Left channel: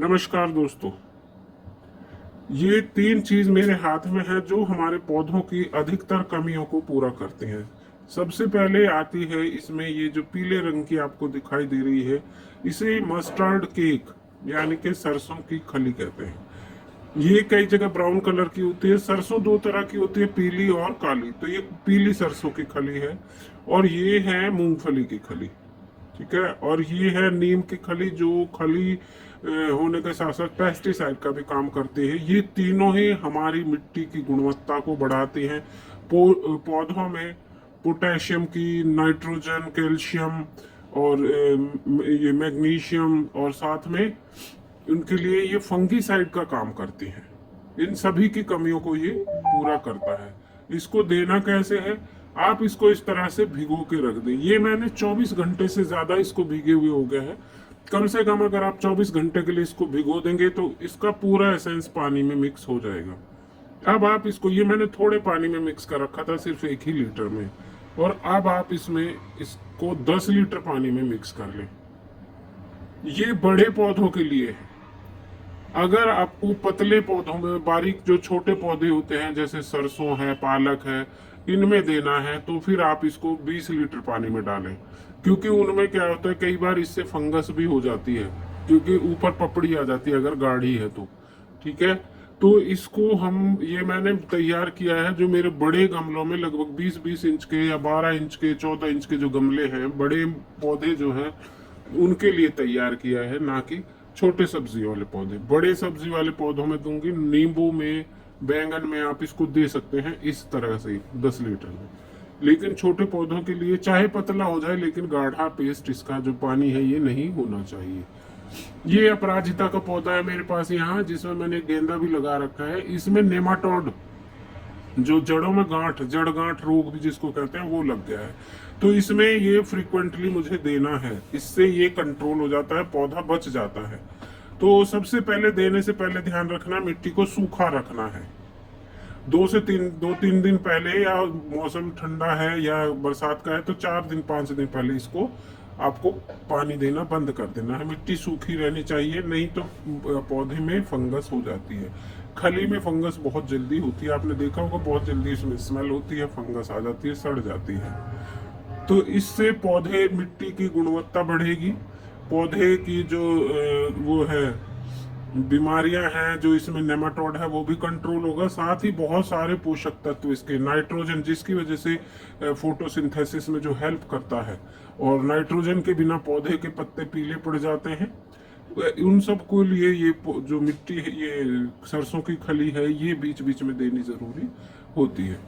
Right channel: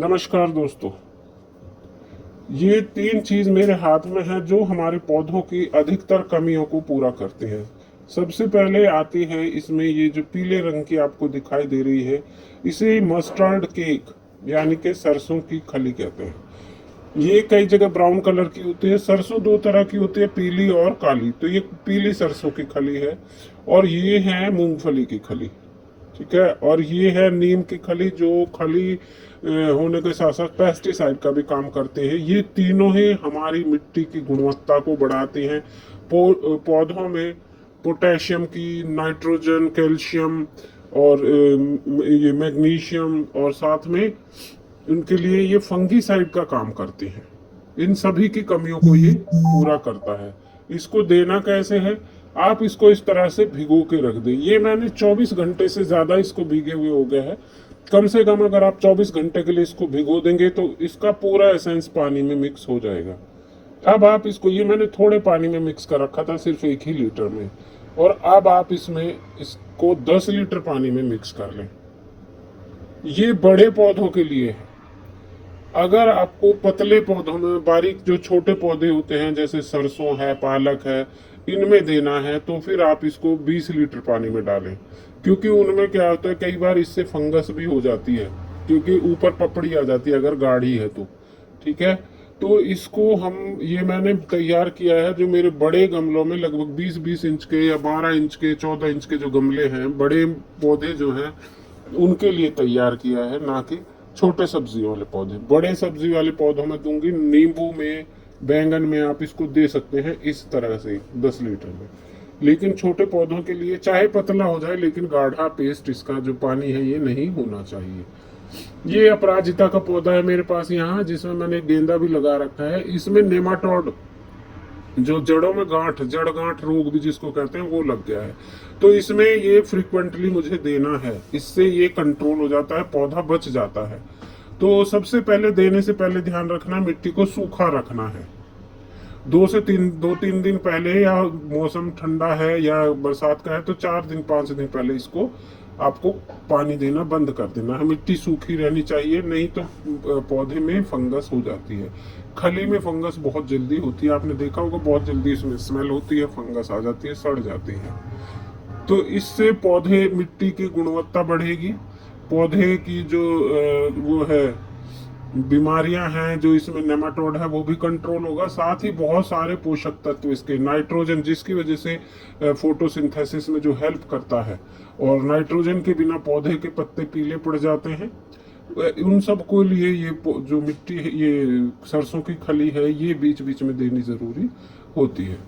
नमस्कार दोस्तों। ये तीन चीज मेरे हाथ में है जो हमारे पौधों की अधिकतर कमियों को पूरा करती है। सबसे पहले आती है इसमें ये जो पीले रंग की आपको दिखाई दे रही है, इसे मस्टर्ड केक यानी कि सरसों की खली कहते हैं। ये कई जगह ब्राउन कलर की होती है। सरसों दो तरह की होती है, पीली और काली। तो ये पीली सरसों की खली है और ये है मूंगफली की खली। ठीक है। और ये है नीम की खली, जो खली होने के साथ साथ पेस्टिसाइड का भी काम करते हैं। ये तीनों ही हमारी मिट्टी की गुणवत्ता को बढ़ाते हैं। पौधों में पोटेशियम की, नाइट्रोजन, कैल्शियम और ये मैग्नीशियम, और साथ में उनके लिए ये फंगीसाइड का काम करती है। इन सभी की कमियों को ये पूरा करता है। इसको देना कैसे है? आप इसको इस तरह से भिगो के रख दें। ये मैंने 24 घंटे से ज्यादा इसको भीगे हुए हो गए हैं। कम से कम अगर आप 24 घंटे के लिए इसको भिगो देंगे तो इसका पूरा एसेंस पानी में मिक्स हो जाएगा। अब आप इसको, ये मैंने थोड़े पानी में मिक्स कर रखा था, सिर्फ 1 ही लीटर में, और अब आप इसमें इसको 10 लीटर पानी में मिक्स कर लें। ये बड़े पौधों के लिए है। अगर आपको पतले पौधों में, बारीक जो छोटे पौधे होते हैं जैसे सरसों है, पालक है, इनमें देना है तो फिर आप इसको 20 लीटर पानी में डालें। क्योंकि उनमें क्या होता है, कई बार इससे फंगस भी हो जाती है, क्योंकि ऊपर पपड़ी आ जाती है अगर गाढ़ी है तो। ठीक है। तो इसको हम, ये मैंने तैयार किया है जो मेरे बड़े गमलों में, लगभग 20-20 इंच के या 12 इंच के, 14 इंच के जो गमले हैं, बड़े पौधे जो हैं उनके लिए तैयार किया है, ना कि छोटे सब्जी वाले पौधे। बड़े सब्जी वाले पौधों में दूंगी, नींबू में, बैंगन में आप इसको दे सकते हैं इस तरह से 10 लीटर में। लेकिन छोटे पौधों के लिए चाहे पतला हो जाए, लेकिन गाढ़ा पेस्ट इसका जो पानी है ये नहीं होना चाहिए। ये अपराजिता का पौधा है मेरे पास यहाँ, जिसमें मैंने गेंदा भी लगा रखा है। इसमें नेमाटोड, जो जड़ों में गांठ, जड़ गांठ रोग भी जिसको कहते हैं, वो लग गया है। तो इसमें ये फ्रीक्वेंटली मुझे देना है, इससे ये कंट्रोल हो जाता है, पौधा बच जाता है। तो सबसे पहले, देने से पहले ध्यान रखना है मिट्टी को सूखा रखना है। 2 3 दिन पहले, या मौसम ठंडा है या बरसात का है तो 4 दिन 5 दिन पहले इसको आपको पानी देना बंद कर देना है। मिट्टी सूखी रहनी चाहिए, नहीं तो पौधे में फंगस हो जाती है। खली में फंगस बहुत जल्दी होती है, आपने देखा होगा, बहुत जल्दी इसमें स्मेल होती है, फंगस आ जाती है, सड़ जाती है। तो इससे पौधे, मिट्टी की गुणवत्ता बढ़ेगी। पौधे की जो वो है बीमारियां हैं, जो इसमें नेमाटोड है, वो भी कंट्रोल होगा। साथ ही बहुत सारे पोषक तत्व इसके, नाइट्रोजन, जिसकी वजह से फोटोसिंथेसिस में जो हेल्प करता है, और नाइट्रोजन के बिना पौधे के पत्ते पीले पड़ जाते हैं। उन सब को लिए ये जो मिट्टी है, ये सरसों की खली है, ये बीच बीच में देनी जरूरी होती है।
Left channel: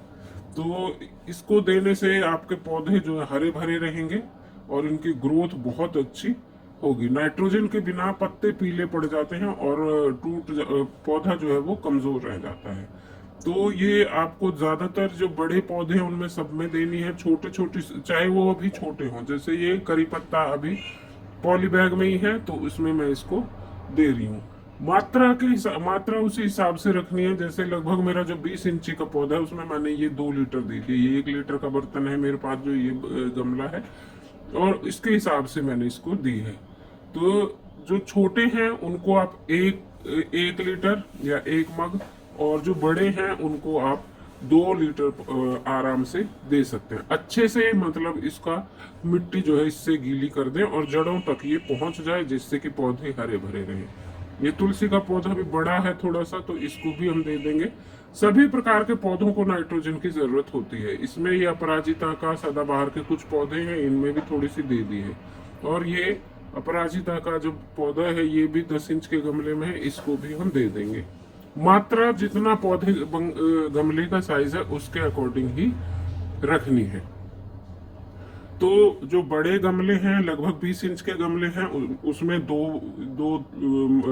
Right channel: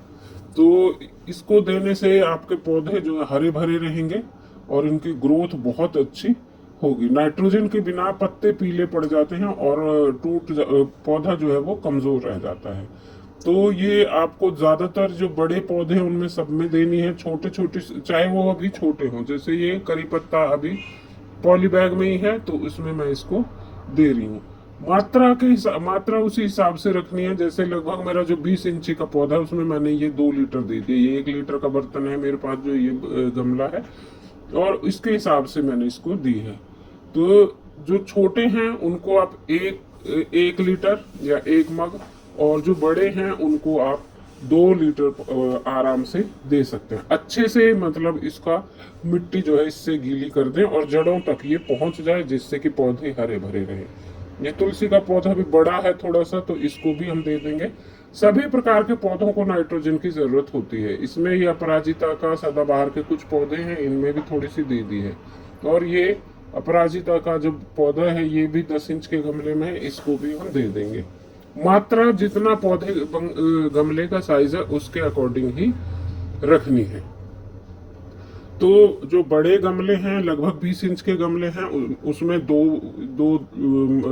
तो इसको देने से आपके पौधे जो है हरे भरे रहेंगे और इनकी ग्रोथ बहुत अच्छी होगी। नाइट्रोजन के बिना पत्ते पीले पड़ जाते हैं और पौधा जो है वो कमजोर रह जाता है। तो ये आपको ज्यादातर जो बड़े पौधे हैं उनमें सब में देनी है। छोटे छोटे, चाहे वो अभी छोटे हों, जैसे ये करी पत्ता अभी पॉली बैग में ही है, तो इसमें मैं इसको दे रही हूँ। मात्रा उसी हिसाब से रखनी है। जैसे लगभग मेरा जो 20 इंची का पौधा है उसमें मैंने ये 2 लीटर दे दिया। ये 1 लीटर का बर्तन है मेरे पास, जो ये गमला है, और इसके हिसाब से मैंने इसको दी है। तो जो छोटे हैं उनको आप 1 लीटर या 1 मग, और जो बड़े हैं उनको आप 2 लीटर आराम से दे सकते हैं। अच्छे से, मतलब इसका मिट्टी जो है इससे गीली कर दें और जड़ों तक ये पहुंच जाए, जिससे कि पौधे हरे भरे रहें। ये तुलसी का पौधा भी बड़ा है थोड़ा सा, तो इसको भी हम दे देंगे। सभी प्रकार के पौधों को नाइट्रोजन की जरूरत होती है। इसमें ये अपराजिता का, सदाबहार के कुछ पौधे हैं, इनमें भी थोड़ी सी दे दी है। और ये अपराजिता का जो पौधा है ये भी 10 इंच के गमले में है, इसको भी हम दे देंगे। मात्रा जितना पौधे गमले का साइज है उसके अकॉर्डिंग ही रखनी है। तो जो बड़े गमले हैं, लगभग 20 इंच के गमले हैं, उसमें 2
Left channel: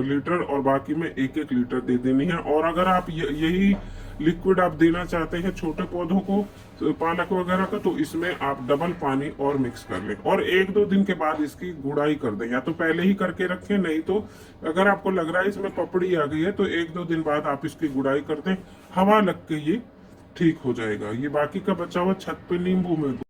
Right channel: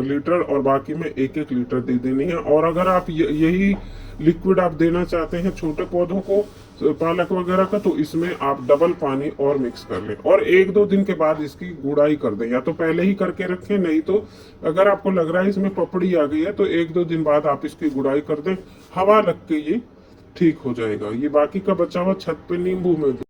लीटर और बाकी में 1 लीटर दे देनी है। और अगर आप यही लिक्विड आप देना चाहते हैं छोटे पौधों को, पालक वगैरह का, तो इसमें आप डबल पानी और मिक्स कर लें और 1-2 दिन के बाद इसकी गुड़ाई कर दें। या तो पहले ही करके रखें, नहीं तो अगर आपको लग रहा है इसमें पपड़ी आ गई है तो 1-2 दिन बाद आप इसकी गुड़ाई कर दें। हवा लग के ये ठीक हो जाएगा। ये बाकी का बचा हुआ छत पे नींबू में